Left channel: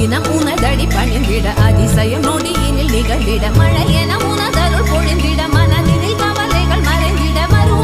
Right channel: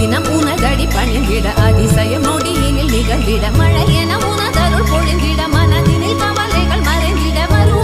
தினம் உனதடி பணிந்திட அதிசயம் நொடியினில் நிகழ்ந்திட மழை என உனதருள் பொழிந்திட மனதினில் கவலைகள் மறைந்திட வரும்